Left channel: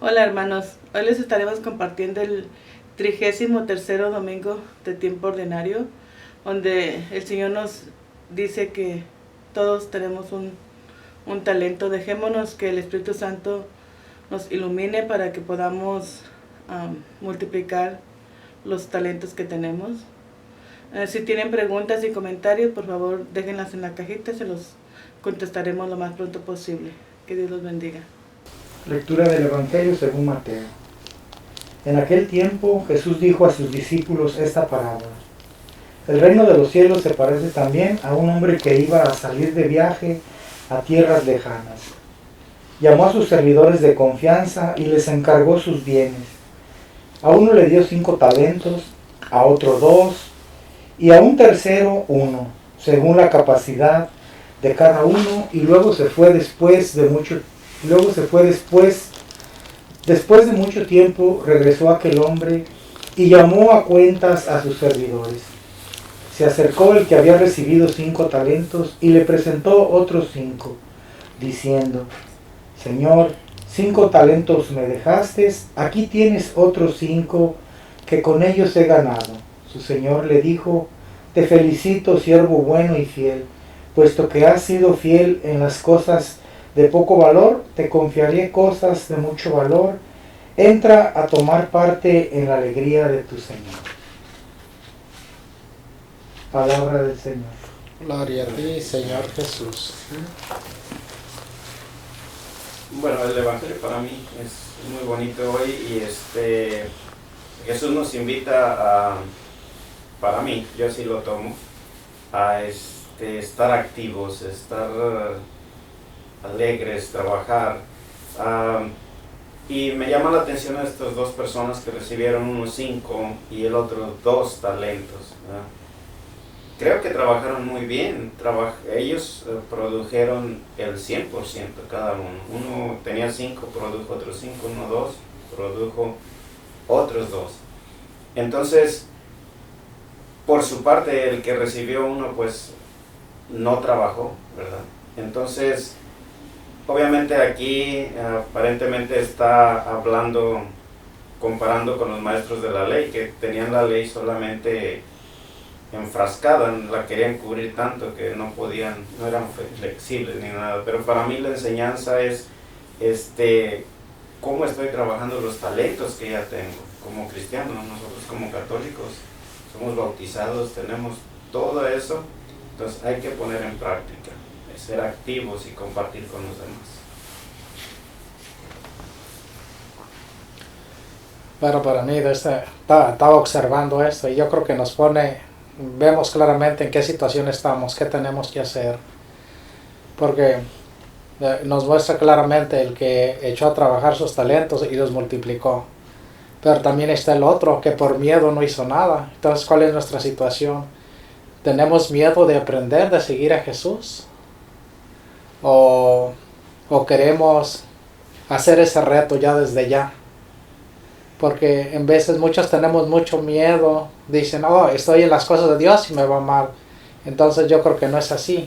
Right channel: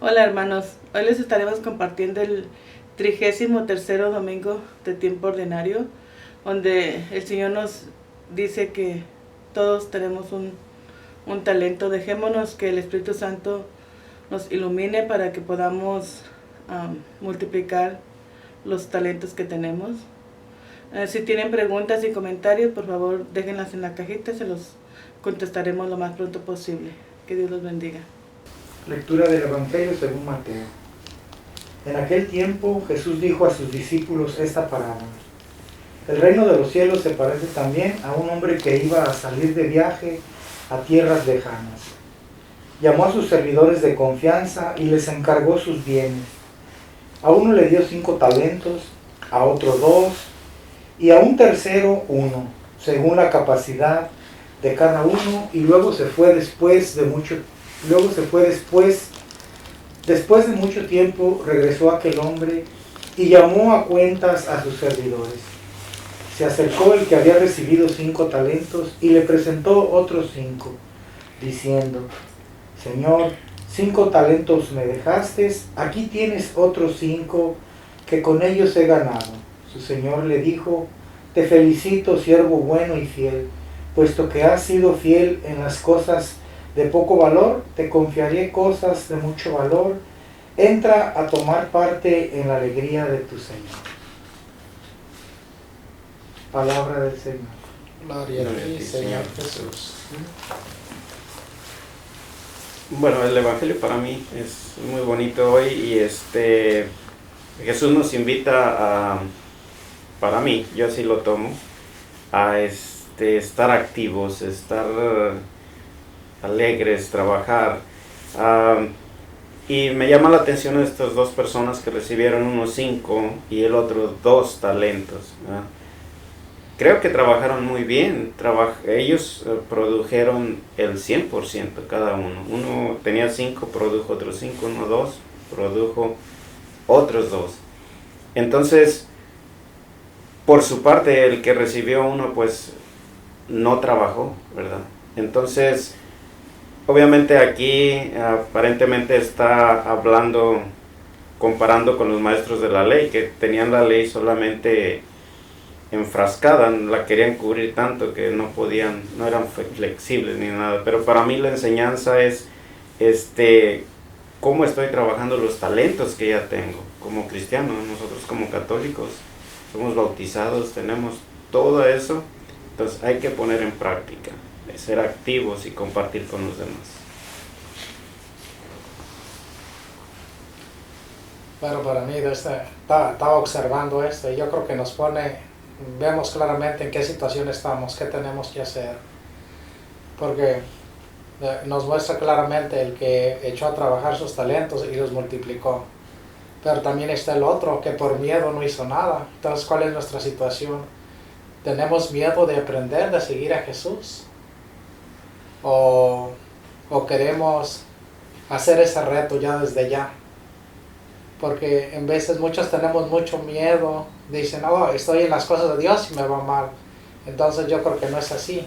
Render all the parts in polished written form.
Hola hermanos, hoy les estaremos compartiendo el 33º domingo de tiempo ordinario, donde el Señor nos dice que todos tenemos un talento. Dejémonos que el Espíritu Santo nos ilumine para que podamos multiplicar los talentos que tenemos. Si tienen preguntas y comentarios, por favor déjenlas en la cajita, se los contestaremos lo más pronto posible. Que Dios los bendiga. Lectura del Evangelio según Mateo. En aquel tiempo Jesús dijo a sus discípulos esta parábola. El reino de los cielos se parece también a un hombre que iba a salir de viaje a tierras lejanas. Llamó a sus servidores de confianza y les encargó sus bienes. A uno le dio 5 talentos, a otro 2 y a un tercero 1, según la capacidad de cada uno, y luego se fue después de mucho tiempo, regresó aquel hombre y llamó a cuentas a sus servidores. Se acercó el que había recibido 5 talentos y le presentó otros 5, diciendo: Señor, 5 talentos me dejaste, aquí tienes otros 5 que con ellos he ganado. Su señor le dijo: Te felicito, siervo bueno y fiel, puesto que has sido fiel en las cosas de poco valor, te confiaré cosas de mucho valor. Entra a tomar parte en la alegría de tu Señor. Palabra del Señor. Gloria a ti, Señor Jesús. Bueno, el Evangelio para mí es muy bonito hoy y Jesús nos invita para mí, yo así lo tomo, a estar activos, estar alegres, trabajar. Y me llama la atención estas dos personas que recibieron unos 5 y el otro 2 talentos. Creo que trabajaron muy bien. Ellos produjeron el 100% cada uno. Uno tenía 5, produjo otros 5, uno 2, produjo otros 2. Entonces, por su parte, el que recibió uno, pues, no trabajó, ¿verdad? Entonces, obviamente aquí aparentemente está hablando, comparando con los maestros de la ley, que tenían la ley solamente enfrascada, la querían cubrir tanto que no podían, no eran flexibles ni nada. Pero para mí la enseñanza es cómo estoy trabajando los talentos que ya tengo como cristiano. Nosotros como católicos somos bautizados, tenemos todo eso, entonces hay que poner en práctica, ser activos y compartir con los demás. Bueno, para mí estaba observando esto y yo creo que vemos claramente en qué situación estamos, qué tenemos que hacer, porque nos muestra claramente el que echó a trabajar sus talentos y los multiplicó, pero también está el otro que por miedo no hizo nada. Entonces, ¿cuál es nuestra situación? ¿Tenemos miedo de aprender, de seguir a Jesús? ¿O queremos hacer ese reto ya desde ya? Porque en veces muchos tenemos mucho miedo, dicen: oh, estoy en las cosas de Dios y me va mal. Entonces yo creo que no es así.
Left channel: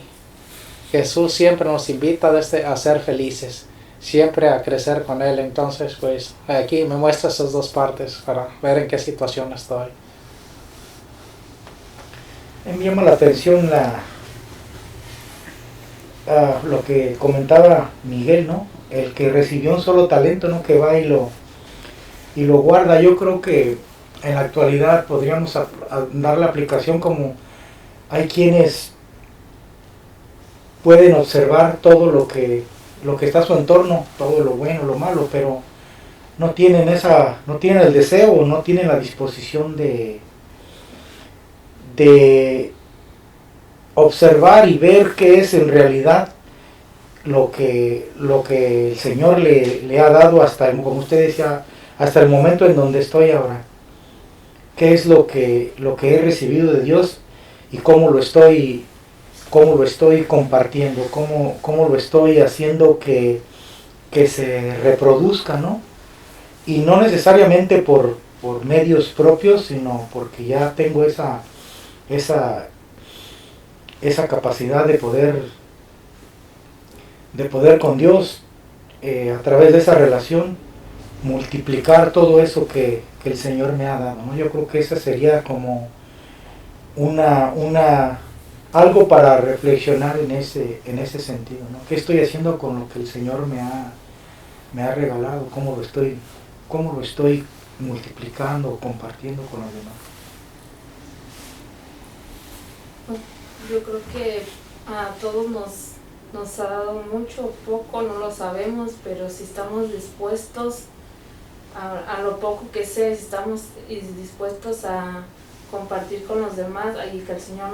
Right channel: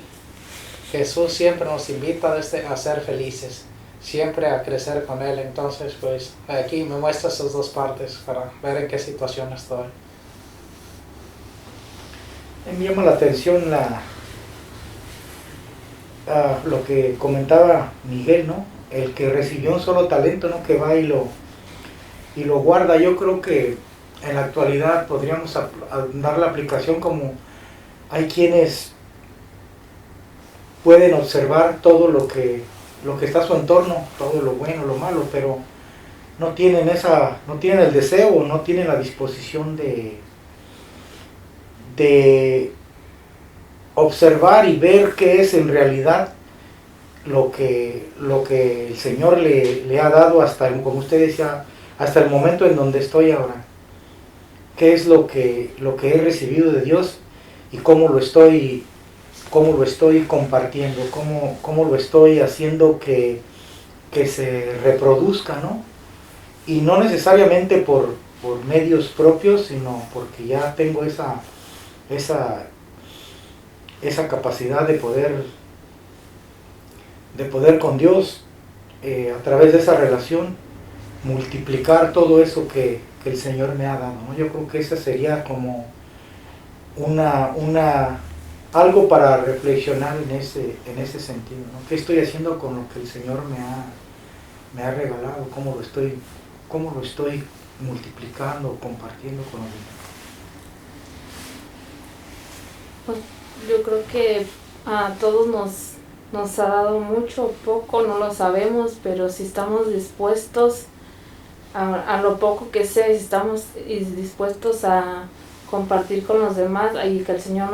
Jesús siempre nos invita a ser felices, siempre a crecer con Él. Entonces, pues aquí me muestra esas dos partes para ver en qué situación estoy. Me llama la atención lo que comentaba Miguel, ¿no? El que recibió un solo talento, ¿no? Que va y lo guarda. Yo creo que en la actualidad podríamos dar la aplicación como hay quienes pueden observar todo lo que está a su entorno, todo lo bueno, lo malo, pero no tienen el deseo, no tienen la disposición de observar y ver qué es en realidad lo que el Señor le ha dado como usted decía, hasta el momento en donde estoy ahora. ¿Qué es lo que he recibido de Dios y cómo lo estoy compartiendo, cómo lo estoy haciendo que se reproduzca, ¿no? Y no necesariamente por medios propios, sino porque ya tengo esa capacidad de poder con Dios, a través de esa relación multiplicar todo eso que el Señor me ha dado, ¿no? Yo creo que esa sería como algo para reflexionar en ese sentido, ¿no? ¿Qué estoy haciendo con lo que el Señor me ha regalado? ¿Cómo lo estoy multiplicando, compartiendo con los demás? Yo creo que a todos nos ha dado mucho o poco, no lo sabemos, pero si estamos dispuestos a lo poco que sea, si estamos dispuestos a compartir con los demás y que el Señor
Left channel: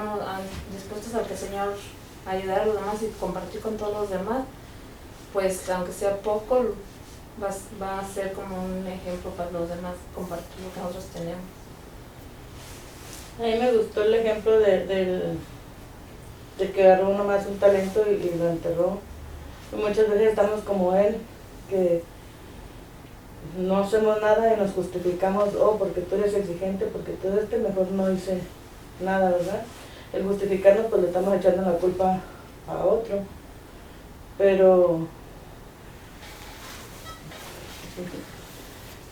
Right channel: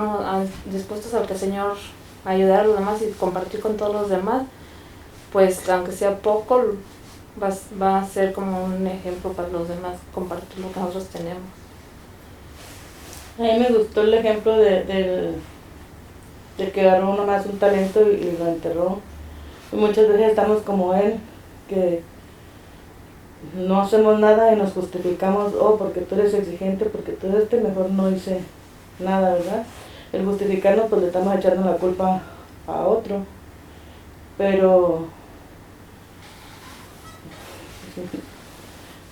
dispuestos a que el Señor ayudar a los demás y compartir con todos los demás, pues aunque sea poco, va a ser como un ejemplo para los demás, compartir lo que nosotros tenemos. A mí me gustó el ejemplo de que agarró uno más un talento y lo enterró. Y muchas veces estamos como él, que no hacemos nada y nos justificamos, porque tú eres exigente, porque tú mejor no hice nada, ¿verdad? El justificarnos, pues le estamos echando la culpa a otro. Pero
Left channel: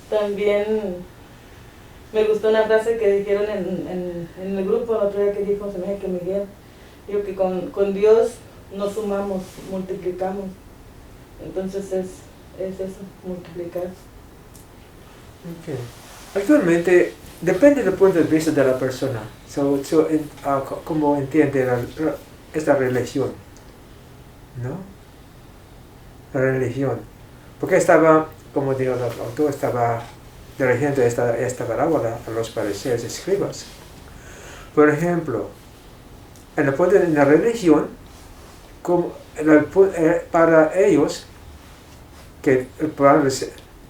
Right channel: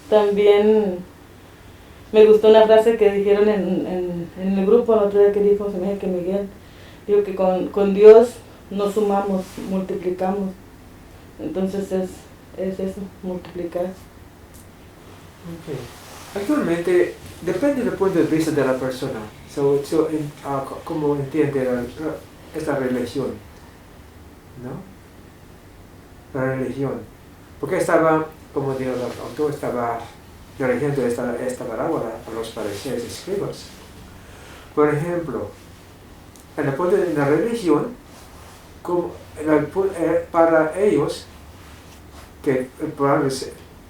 también me gustó la frase que dijeron en el grupo el otro día que dijo que Miguel, digo que con Dios no sumamos, multiplicamos. Entonces es eso, multiplicar. Okay. Actualmente depende del punto de vista de la persona, cómo entiende esta religión, ¿no? La religión. Porque como dijo el autor, estaba dirigiendo esta parábola a los fariseos y escribas. Por ejemplo, en la religión, para ellos, que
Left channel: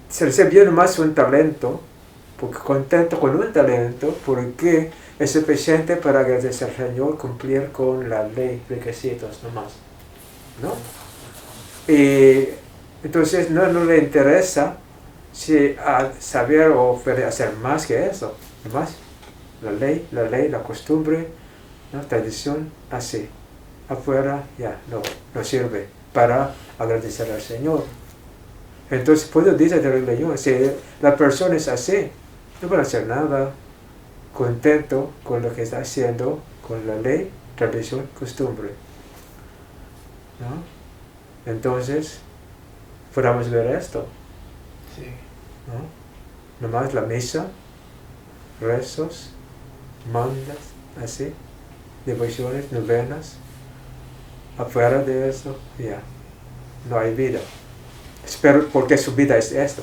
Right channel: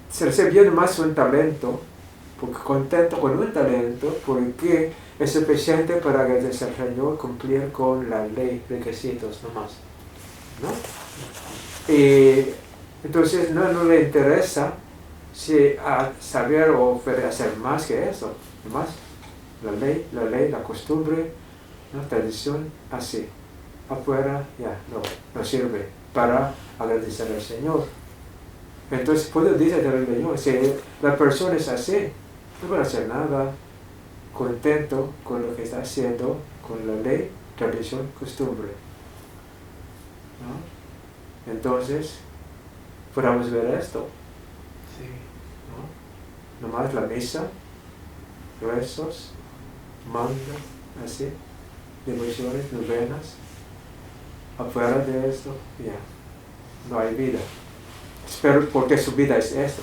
se recibió más un talento, porque contento con un talento, porque es suficiente para agradecer al Señor, cumplir con la ley, requisitos nomás, ¿no? Y entonces no le interesa saber o hacer más que eso, nomás la ley, la costumbre, ¿no? Tradición, así. Afuera ya no sirve para agradecer al Señor. Entonces puedo decir de la religión, si la persona es así, no va a hacer nada, contento con lo que está haciendo, con la ley, tradición, costumbre, ¿no? Entonces, podamos ver esto, ¿no? Nomás la misa, rezos, mandas, así, devociones, novenas, afuera de esto, ya, no hay vida. Pero porque su vida es esto,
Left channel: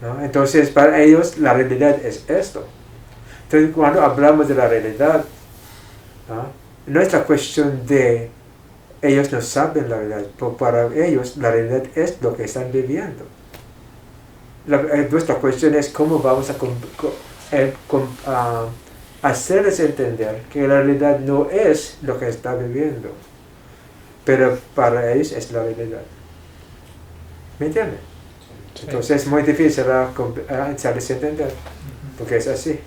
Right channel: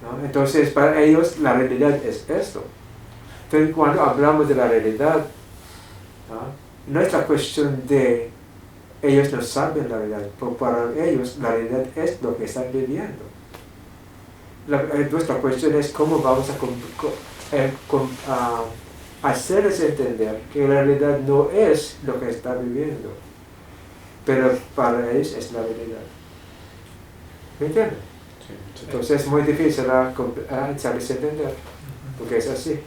¿no? Entonces para ellos la realidad es esto. Entonces cuando hablamos de la realidad, no es la cuestión de ellos no saben la realidad, pero para ellos la realidad es lo que están viviendo. Nuestra cuestión es cómo vamos a hacerles entender que la realidad no es lo que están viviendo, pero para ellos es la realidad. ¿Me entienden? Sí. Entonces es muy difícil hacerles entender, porque es así.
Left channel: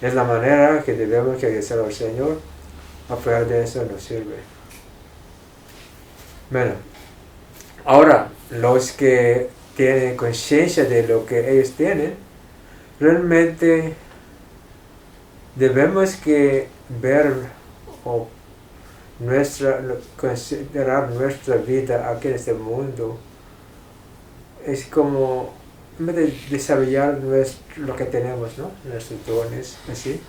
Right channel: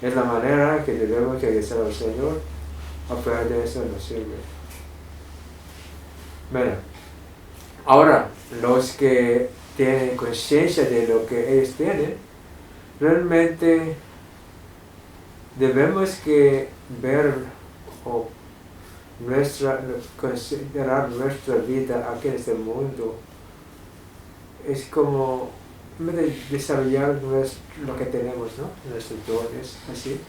Es la manera que debemos agradecer al Señor, afuera de eso no sirve. Bueno, ahora los que tienen conciencia de lo que ellos tienen, realmente debemos que ver o considerar nuestra vida aquí en este mundo es como desarrollar lo que tenemos, ¿no? Nuestros dones, así,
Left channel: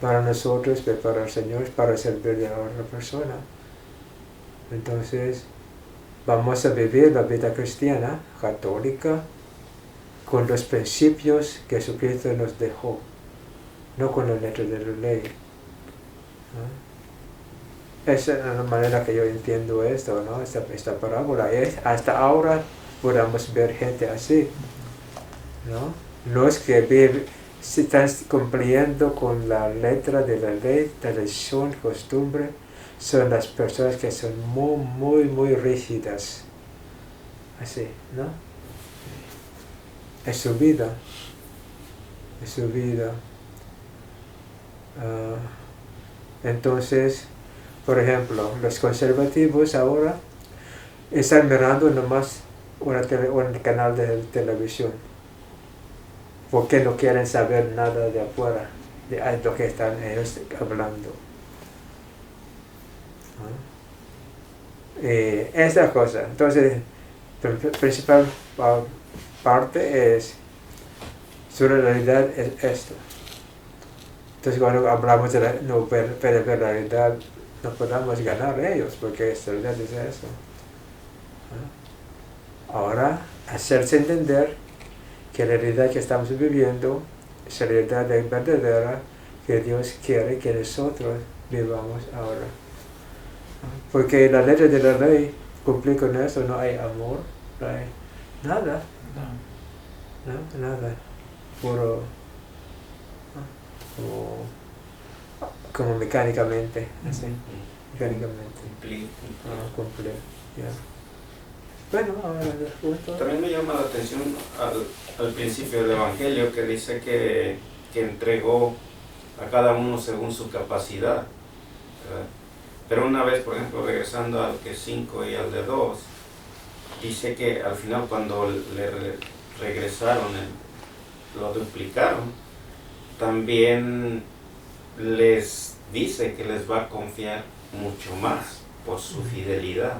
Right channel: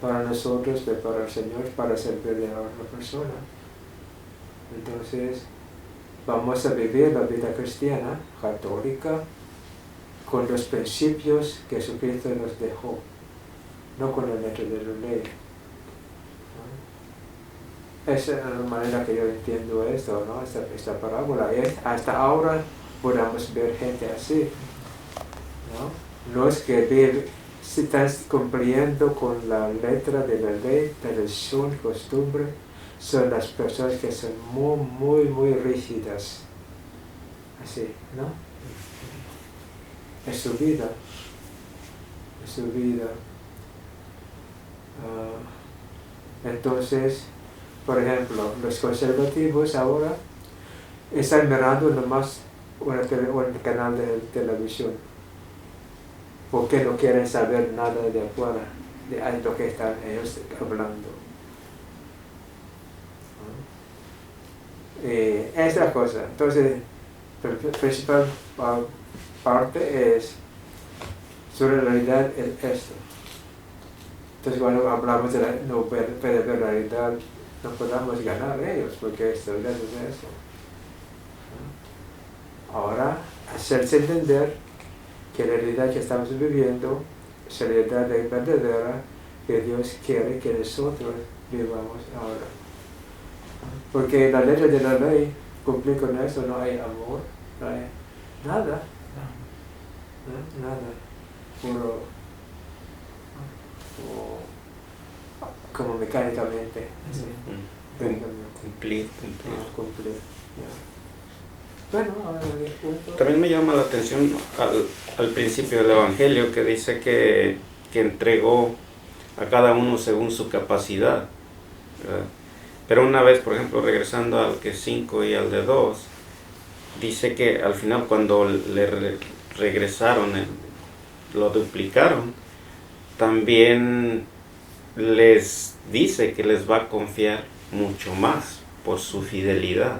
para nosotros, para el Señor, para servir a otra persona. Entonces, vamos a vivir la vida cristiana, católica, con los principios que Jesucristo nos dejó, no con la letra de la ley, ¿no? Esa es la manera que yo entiendo esto, ¿no? Esta parábola. Hasta ahora podamos ver gente así, ¿no? Los que están cumpliendo con la letra de la ley, tradición, costumbre, son las personas que son muy rígidas. Así, ¿no? Es su vida. Es su vida. Entonces, por ejemplo, los conservativos ahora están mirando nomás un canal de televisión. Porque no quieren saber nada de afuera, de lo que están ellos hablando. Esta cosa. Entonces, la principal parte es, su realidad es esto. Entonces, cuando hablamos de la realidad, no podemos ganar ellos, porque esta realidad es eso. Ahora, hacerse entender que la realidad que estamos viviendo es la realidad verdadera que Dios quiere que nosotros vivamos ahora. Porque la letra de la ley, cumplir con eso, no hay amor, no hay nada, ¿no? Nada, puro, como mecánicamente, así, mecánicamente. Cumplir, ya. Bueno, ahora el punto. También me llama la atención al principio del Evangelio que dice que entregó a cada uno según su capacidad, ¿verdad? Pero una vez, por ejemplo, regresando al que 5 y al de 2, dice que al final cuando le regresaron, lo duplicaron, también les dice que les va a confiar mucho más por su fidelidad.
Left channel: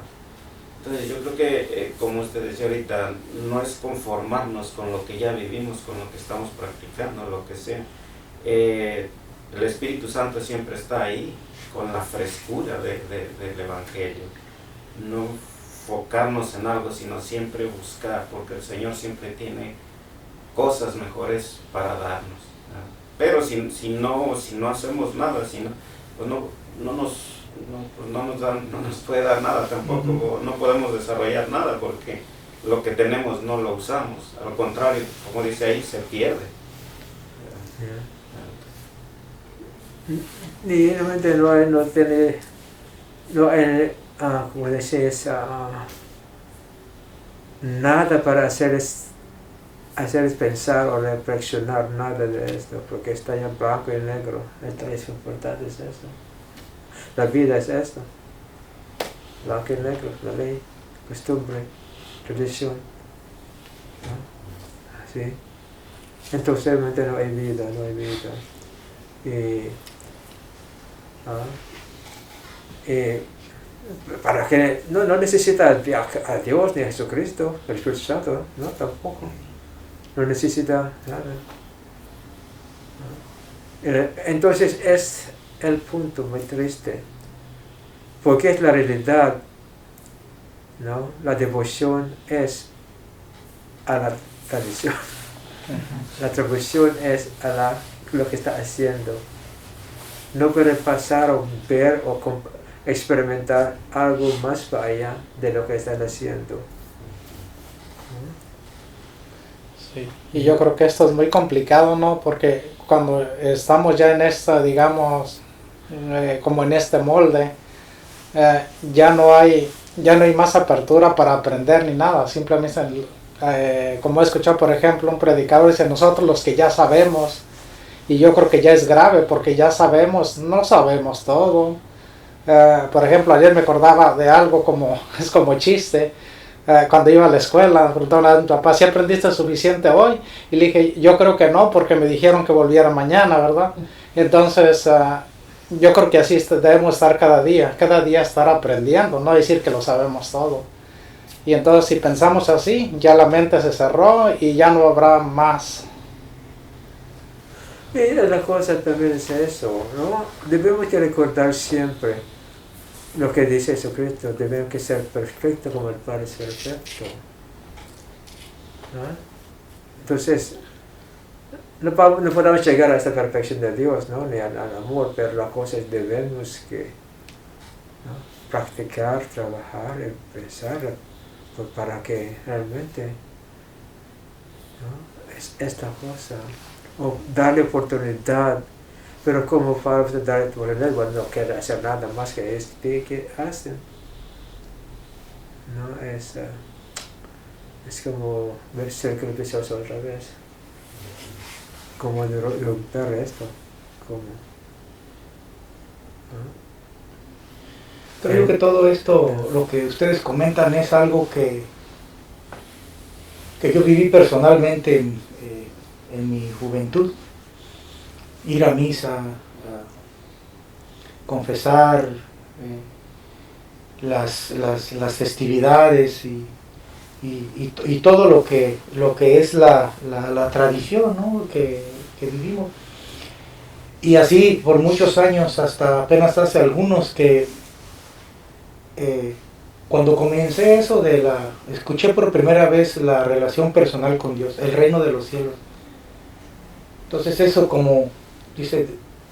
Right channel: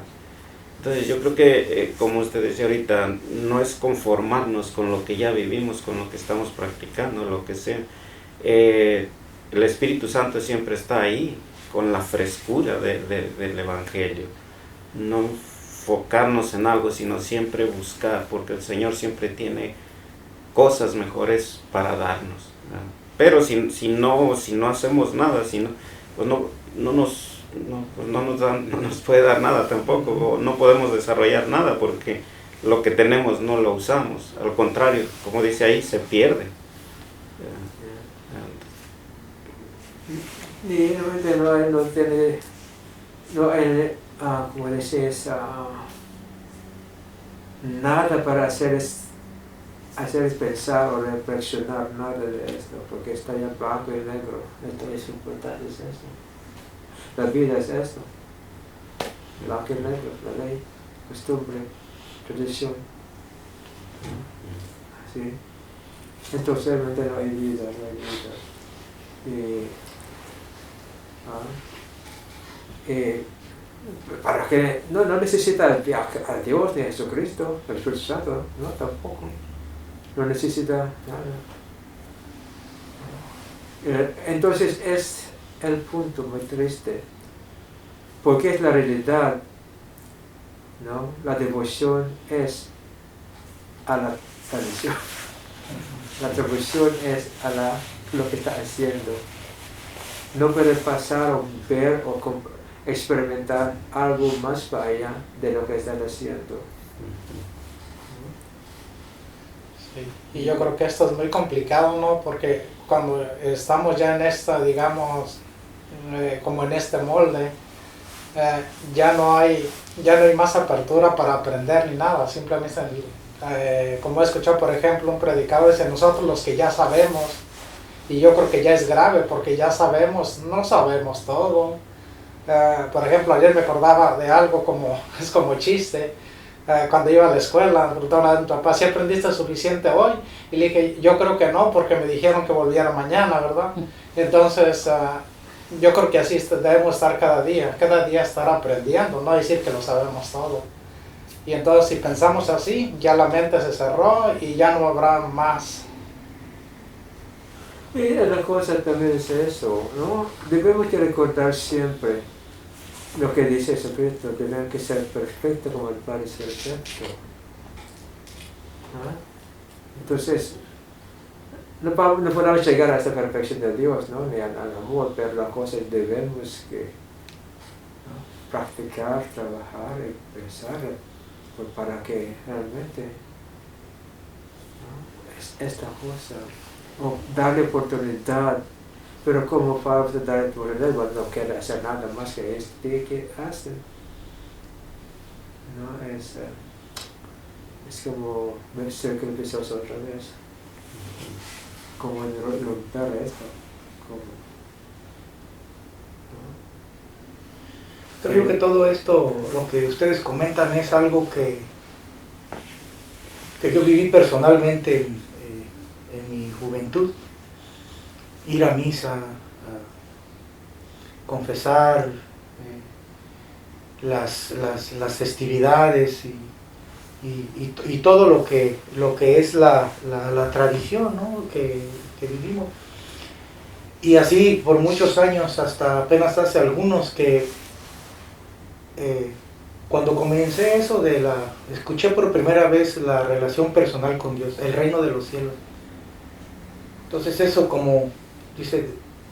Entonces yo creo que, como usted decía ahorita, no es conformarnos con lo que ya vivimos, con lo que estamos practicando, lo que sea. El Espíritu Santo siempre está ahí, con la frescura del Evangelio. No enfocarnos en algo, sino siempre buscar, porque el Señor siempre tiene cosas mejores para darnos, ¿verdad? Pero si no hacemos nada, pues no nos puede dar nada tampoco, no podemos desarrollar nada porque lo que tenemos no lo usamos, al contrario, como dice ahí, se pierde. Y realmente no hay, como decís, nada para hacerles pensar o reflexionar nada de esto, porque está en blanco y negro. Esto es importante, es esto. La vida es esto, blanco y negro, la ley, costumbre, tradición, ¿no? ¿Sí? Entonces realmente no hay vida. Para que no necesita a Dios ni a Jesucristo, el Espíritu Santo, no, tampoco, no necesita nada. Entonces es el punto muy triste, porque es la realidad, ¿no? La devoción es a la tradición, la devoción es a lo que está haciendo. No puede pasar o ver o experimentar algo más para allá de lo que están haciendo. Sí. Y yo creo que esto es muy complicado, ¿no? Porque cuando estamos ya en esta, digamos, como en este molde, ya no hay más apertura para aprender ni nada. Simplemente, como he escuchado, por ejemplo, un predicador dice, nosotros los que ya sabemos, y yo creo que ya es grave porque ya no sabemos todo. Por ejemplo, ayer me acordaba de algo es como chiste. Cuando iba a la escuela, me preguntaba a mi papá, ¿sí aprendiste suficiente hoy? Y le dije, yo creo que no, porque me dijeron que volviera mañana, ¿verdad? Entonces, yo creo que así debemos estar cada día estar aprendiendo, no decir que lo sabemos todo. Y entonces, si pensamos así, ya la mente se cerró y ya no habrá más. Mira, la cosa también es eso, ¿no? Debemos de recordar siempre lo que dice Jesucristo, debemos que ser perfectos como el Padre es perfecto. ¿No? Entonces, no podemos llegar a esta perfección de Dios, ¿no? Ni al amor, pero la cosa es debemos que, ¿no? Practicar, trabajar, pensar, para que realmente, ¿no? Es esta cosa. O darle oportunidad, pero como para darle oportunidad, bueno, no quiere hacer nada más que que hacen. No es como ver el círculo vicioso otra vez, como romper esto, como Creo que todo esto, lo que ustedes comentan, es algo que que yo viví personalmente en mi juventud. Ir a misa, confesar las festividades y todo lo que es la tradición, ¿no? que vivimos. Y así por muchos años, hasta apenas hace algunos, que cuando comencé eso escuché por primera vez la relación personal con Dios, el reino de los cielos. Entonces eso, como dice,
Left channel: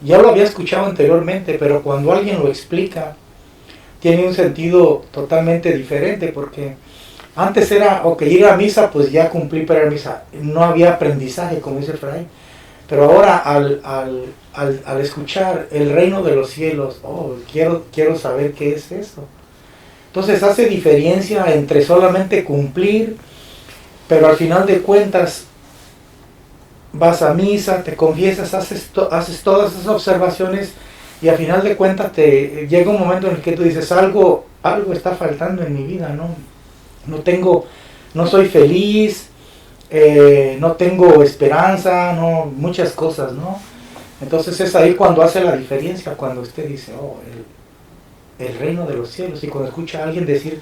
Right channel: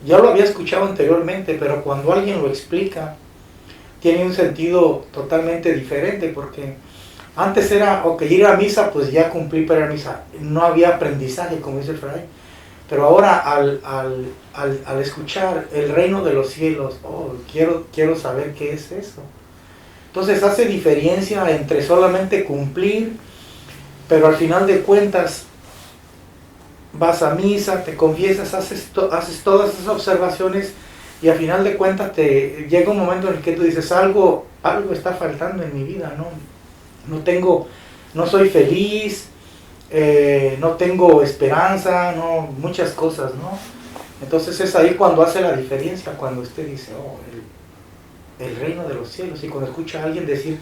ya lo había escuchado anteriormente, pero cuando alguien lo explica, tiene un sentido totalmente diferente, porque antes era, ok, ir a misa, pues ya cumplí para ir a misa, no había aprendizaje, como dice Efraín, pero ahora al escuchar el reino de los cielos, quiero saber qué es eso. Entonces hace diferencia entre solamente cumplir, pero al final de cuentas vas a misa, te confiesas, haces todas esas observaciones y al final de cuentas te llega un momento en el que tú dices algo está faltando en mi vida, no soy feliz, no tengo esperanza, muchas cosas, ¿no? Entonces es ahí cuando hace la diferencia, cuando usted dice, el reino de los cielos, y cuando escucha a alguien decir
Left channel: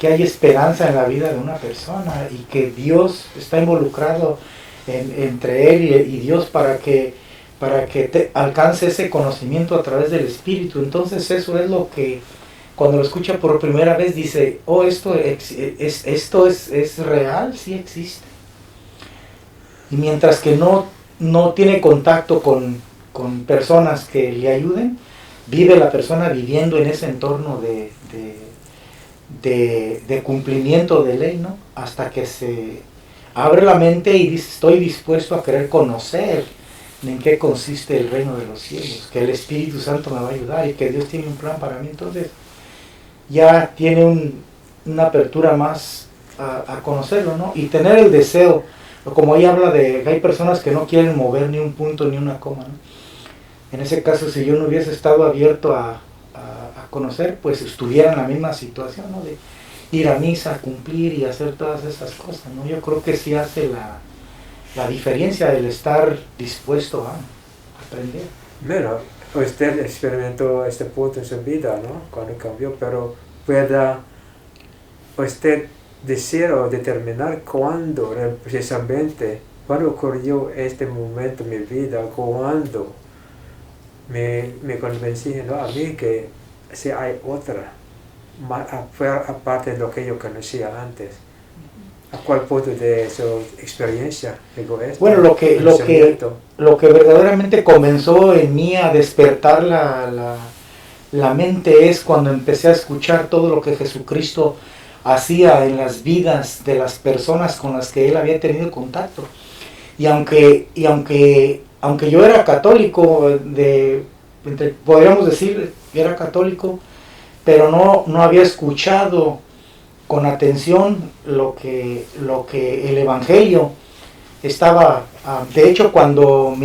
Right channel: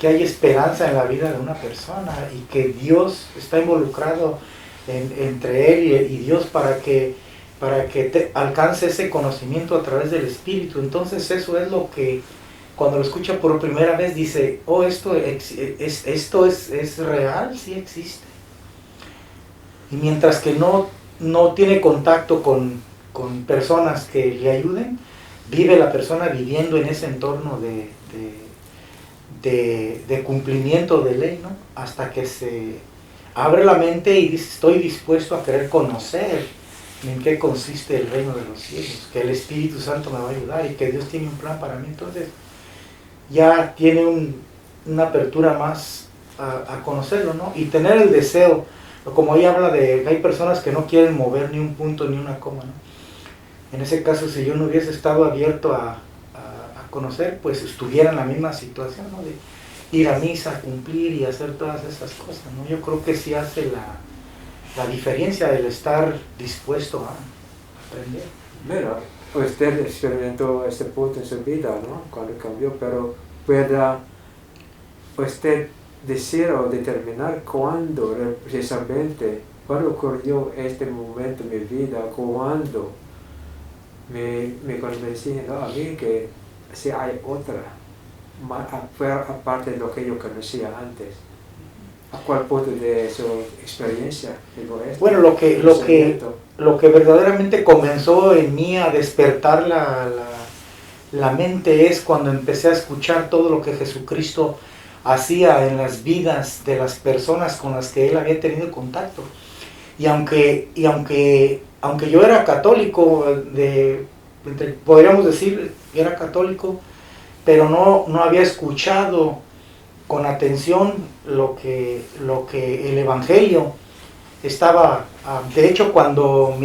que hay esperanza en la vida de una persona y que Dios está involucrado entre él y Dios para que te alcance ese conocimiento a través del Espíritu. Entonces eso es lo que cuando lo escucha por primera vez dice, esto es real, sí existe. Y mientras que no tiene contacto con personas que le ayuden, vive la persona viviendo en ese entorno de cumplimiento de ley, ¿no? Hasta que se abre la mente y dice, estoy dispuesto a querer conocer en qué consiste el reino de los cielos, que el Espíritu Santo me va a ayudar y que Dios tiene un plan para mí. Entonces ya tiene una apertura más a conocerlo, ¿no? Y tener el deseo, como ella habla de, hay personas que no quieren mover ni un punto ni una coma, ¿no? En ese caso, si yo no hubiese estado abierto a conocer, pues estuviera en la misma situación, ¿no? De ir a misa, cumplir y hacer todas esas cosas, ¿no? Yo creo que sí hace la diferencia el estar dispuesto a aprender. Mira, usted experimentó este punto en su vida, ¿no? Cuando cambió, pero ¿pueda usted decir o determinar cuándo precisamente, cuándo ocurrió este momento en mi vida, cuándo me convencí, ¿no? A mí que sí hay otra, fue aparte de lo que yo conocía antes? ¿A cuál punto de su experiencia llegó esto? Bueno, lo que verdaderamente comenzó en mí a despertar la mente es cuando empecé a escuchar todo lo que Jesucristo hacía en las vidas de las personas con las que él había tenido contacto. Y aunque yo era católico, podríamos decir que era católico, pero no había escuchado con atención lo que el Evangelio estaba. De hecho, cuando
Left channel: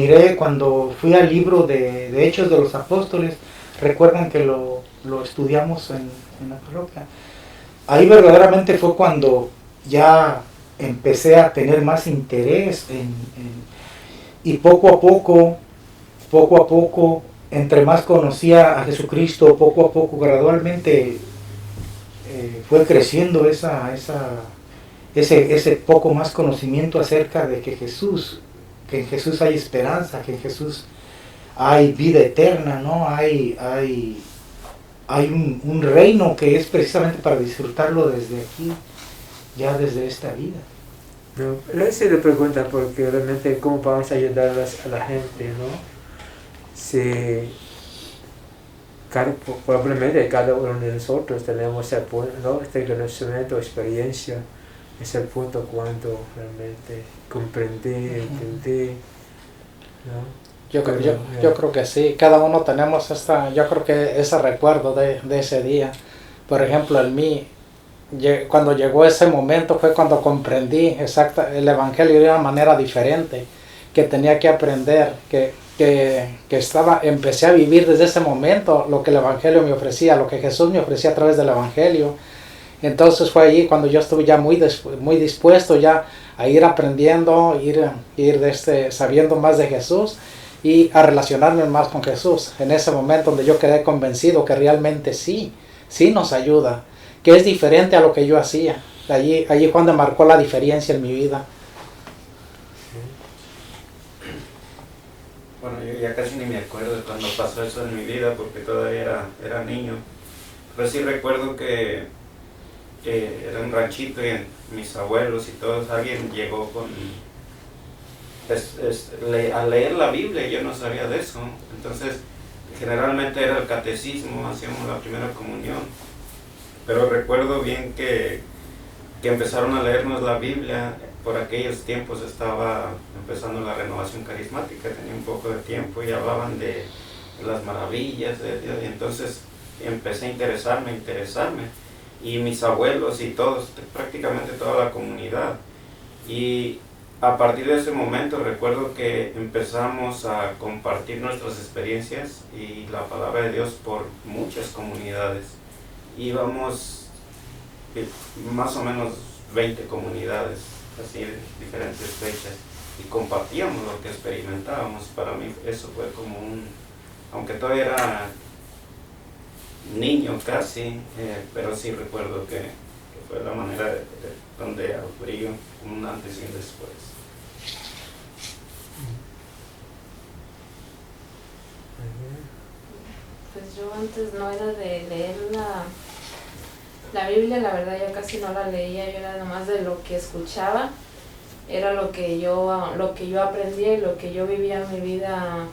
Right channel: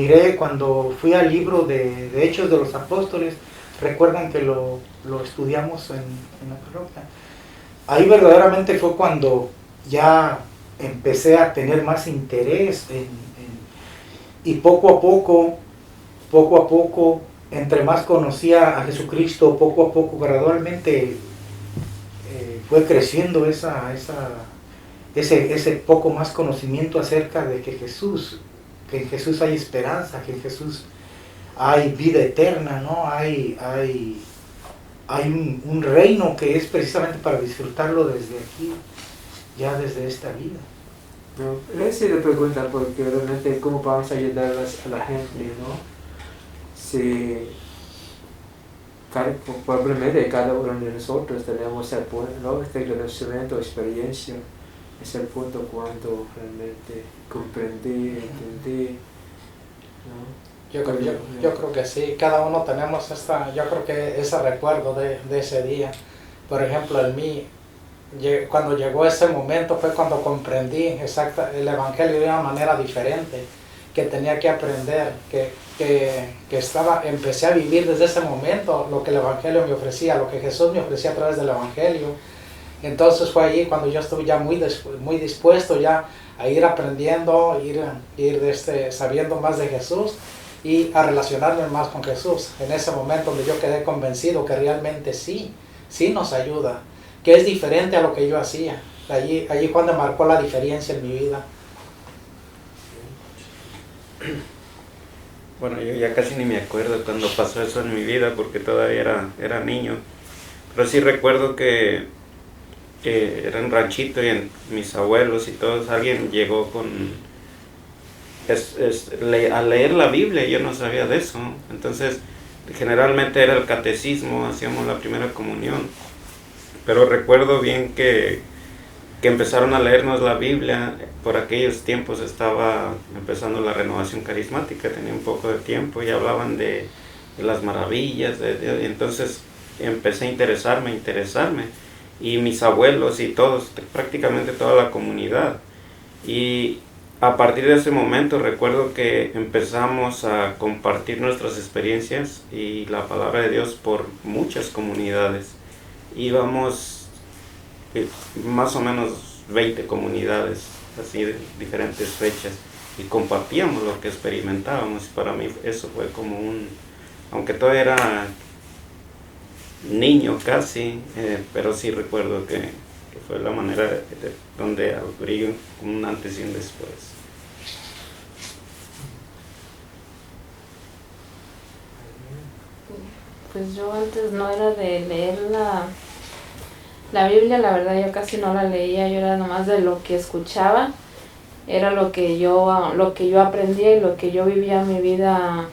fui al libro de Hechos de los Apóstoles, recuerdan que lo estudiamos en la parroquia. Ahí verdaderamente fue cuando ya empecé a tener más interés y poco a poco, entre más conocía a Jesucristo, poco a poco, gradualmente fue creciendo ese poco más conocimiento acerca de que en Jesús hay esperanza, que en Jesús hay vida eterna, ¿no? Hay un reino que es precisamente para disfrutarlo desde aquí, ya desde esta vida. No, le hice la pregunta porque realmente cómo vamos a ayudar a la gente, ¿no? Si probablemente cada uno de nosotros tenemos el punto, ¿no? Este conocimiento, experiencia, es el punto cuando realmente comprendí, entendí, ¿no? Yo creo que sí, cada uno tenemos yo creo que ese recuerdo de ese día. Por ejemplo, en mí, cuando llegó ese momento fue cuando comprendí el Evangelio de una manera diferente, que tenía que aprender, empecé a vivir desde ese momento lo que el Evangelio me ofrecía, lo que Jesús me ofrecía a través del Evangelio. Entonces fue allí cuando yo estuve ya muy dispuesto ya a ir aprendiendo, sabiendo más de Jesús y a relacionarme más con Jesús. En ese momento yo quedé convencido que realmente sí nos ayuda, que es diferente a lo que yo hacía. Allí cuando marcó la diferencia en mi vida. Bueno, yo ya casi ni me acuerdo de cuando pasó eso en mi vida porque todavía era niño. Pero sí recuerdo que era un ranchito y mis abuelos y todos, alguien llegó a leer la Biblia y yo no sabía de eso. Entonces, generalmente era el catecismo, hacíamos la primera comunión. Pero recuerdo bien que empezaron a leernos la Biblia. Por aquellos tiempos estaba empezando la renovación carismática, tenía un poco de tiempo y hablaban de las maravillas de Dios. Y entonces empecé a interesarme. Y mis abuelos y todos, prácticamente toda la comunidad. Y a partir de ese momento recuerdo que empezamos a compartir nuestras experiencias y la palabra de Dios por muchas comunidades. Íbamos más o menos 20 comunidades, así de diferentes fechas, y compartíamos lo que experimentábamos. Para mí eso fue como aunque todavía era niño casi, pero sí recuerdo que fue la manera donde abrí un antes y un después. Pues yo antes no era de leer la Biblia, la verdad yo casi no la leía, yo era nada más de lo que escuchaba, era lo que yo aprendía y lo que yo vivía mi vida,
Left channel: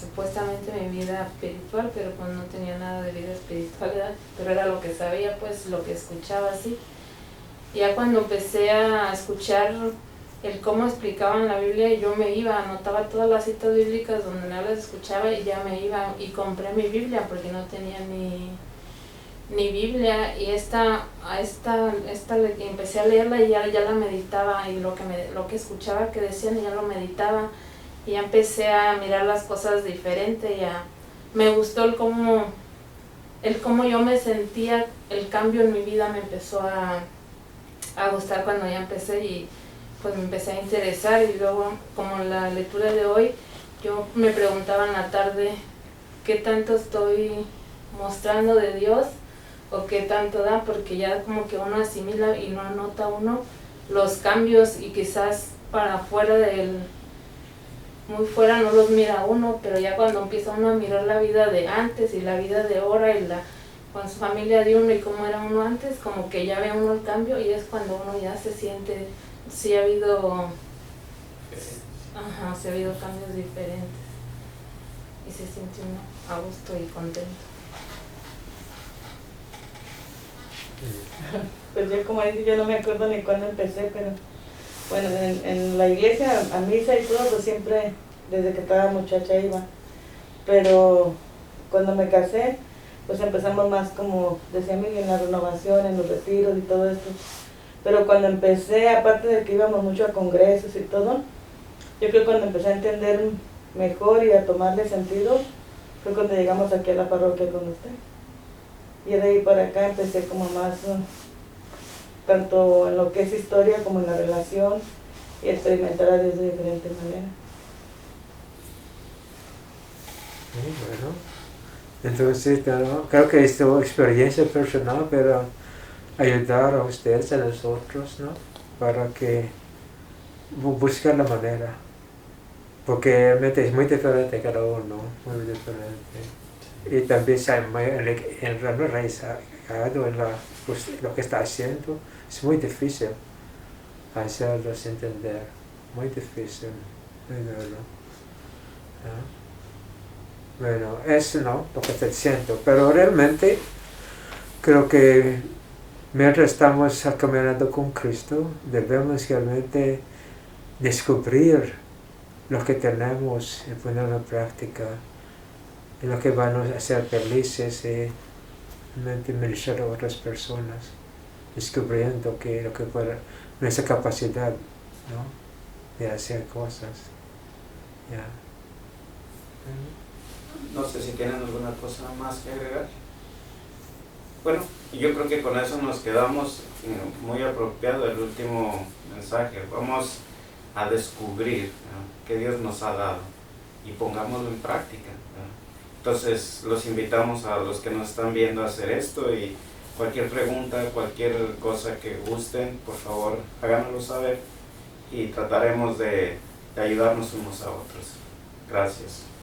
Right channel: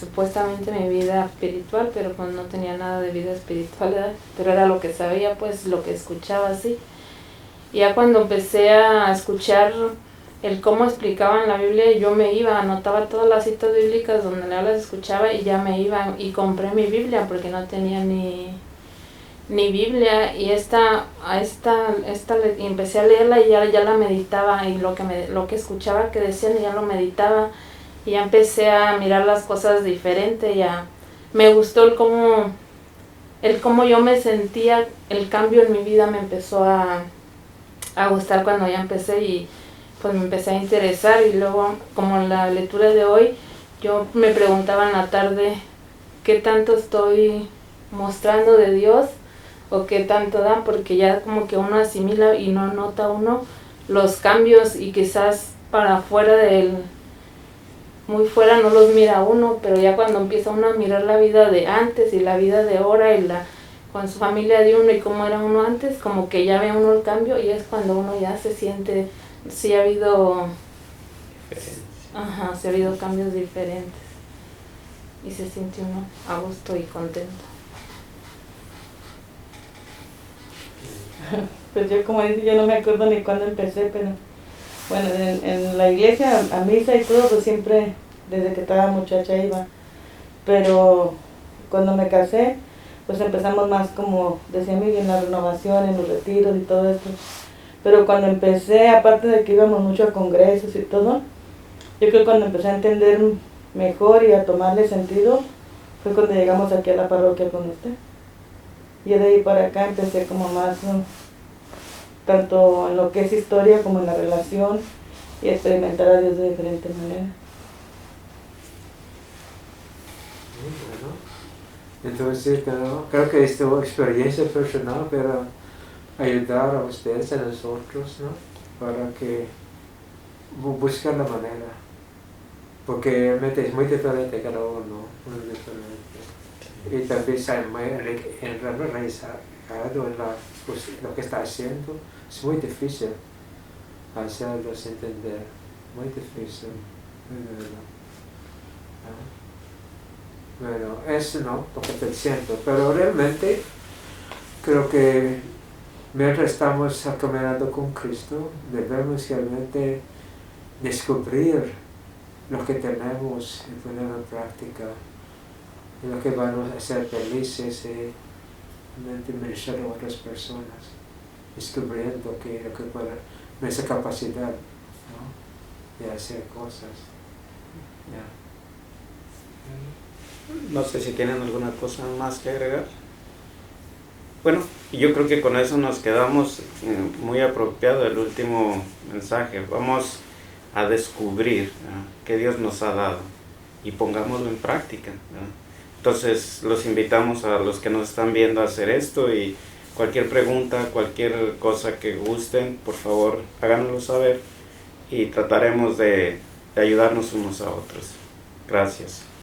supuestamente mi vida espiritual, pero pues no tenía nada de vida espiritual, ¿verdad? Pero era lo que sabía, pues lo que escuchaba, así. Y ya cuando empecé a escuchar el cómo explicaban la Biblia, yo me iba, anotaba todas las citas bíblicas donde las escuchaba y ya me iba y compré mi Biblia porque no tenía ni Biblia, y y empecé a leerla y ya la meditaba, y lo que escuchaba que decían ya lo meditaba, y ya empecé a mirar las cosas diferente. Me gustó el cómo yo me sentía, el cambio en mi vida me empezó a gustar cuando ya empecé, y pues me empecé a interesar. Y luego, como en la lectura de hoy, yo me preguntaba en la tarde qué tanto estoy mostrando de Dios o qué tanto da, porque ya como que uno asimila y no nota uno los cambios, y quizás para afuera muy fuera no los mira uno, pero ya cuando empieza uno a mirar la vida de antes y la vida de ahora y con su familia de uno y cómo era uno antes, como que ya ve uno el cambio, y es cuando uno ya se siente, sí ha habido cambios diferentes y se siente uno a gusto y contento. Pues yo, como dije, yo no me acuerdo ni cuándo empecé, pero bueno, en la iglesia, a misa y todo, pues siempre, desde que estaba muchacha iba. Pero cuando me casé, pues empezamos más, como decía Miguel, en la renovación, en los retiros y todo eso. Pero cuando empecé, aparte de que íbamos mucho a congresos y todo, yo creo que cuando empecé a entender mejor y a tomarle sentido, fue cuando llegamos aquí a la parroquia con usted. Y de ahí para acá empecé como más, tanto en lo que es historia como en la relación, y experimentar a Dios de diferentes maneras. Bueno, entonces creo que es tu experiencia personal para ayudar a ustedes, a nosotros, ¿no? Para que busquen la manera, porque realmente es muy diferente cada uno, muy diferente. Y también está muy enraizado en lo que está haciendo. Es muy difícil hacerlos entender, muy difícil, muy duro. Bueno, eso no, lo que estoy diciendo, pero realmente creo que mientras estamos caminando con Cristo, debemos realmente descubrir lo que tenemos y ponerlo en práctica, y lo que van a hacer felices y realmente ministrar a otras personas, descubriendo lo que puede, nuestra capacidad, ¿no?, de hacer cosas. Yeah. No sé si tienen alguna cosa más que agregar. bueno, yo creo que con eso nos quedamos muy apropiado el último mensaje. Vamos a descubrir, ¿no?, que Dios nos ha dado y pongámoslo en práctica, ¿no? Entonces los invitamos a los que nos están viendo a hacer esto, y cualquier pregunta, cualquier cosa que gusten, por favor háganoslo saber y trataremos de ayudarnos unos a otros. Gracias.